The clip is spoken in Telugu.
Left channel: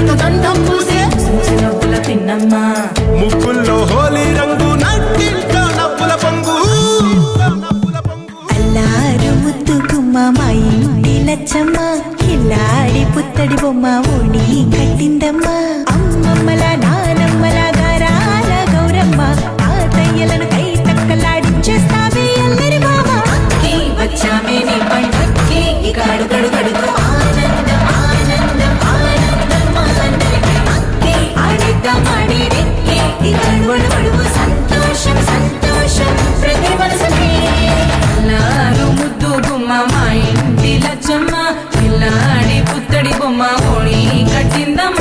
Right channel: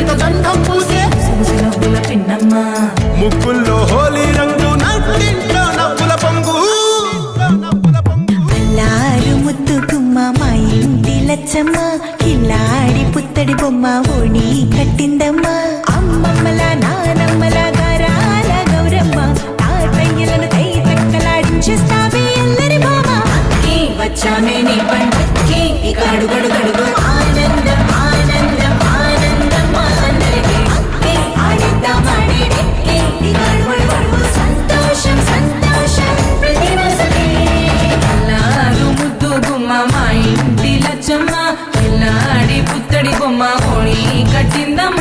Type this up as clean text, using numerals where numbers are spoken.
చేతితో గంధం పూసే నవ్వుల పిన్నమ్మ ముక్కుల్లో హోలీ రంగు నట్టింట్లో నవ్వుల పొంగు అల్లారు ముద్దు గుమ్మ మా ఇంటి లచ్చమ్మ కిల్లాడి పుత్తడి బొమ్మ ఓణి కట్టిందమ్మ అమ్మమ్మల నానమ్మల గారాల గౌరమ్మ తాతయ్యలను కై తట్టలాడించేస్తావే అల్లరి బావ నీ వచ్చామే నీ పండుకి ఇక అడుగడుగడుగు ఆనందం ఆనందం ఆనందం మా అందరికీ అక్కే ఆడిద్దాం ఆడేదే ఇక అడుగడుగడుగు సంతోషం సంతోషం ప్రతి వసమే అల్లారు ముద్దు గుమ్మ మా ఇంటి లచ్చమ్మ పిల్లాడి పుత్తడి బొమ్మ ఓణి కట్టిందమ్మ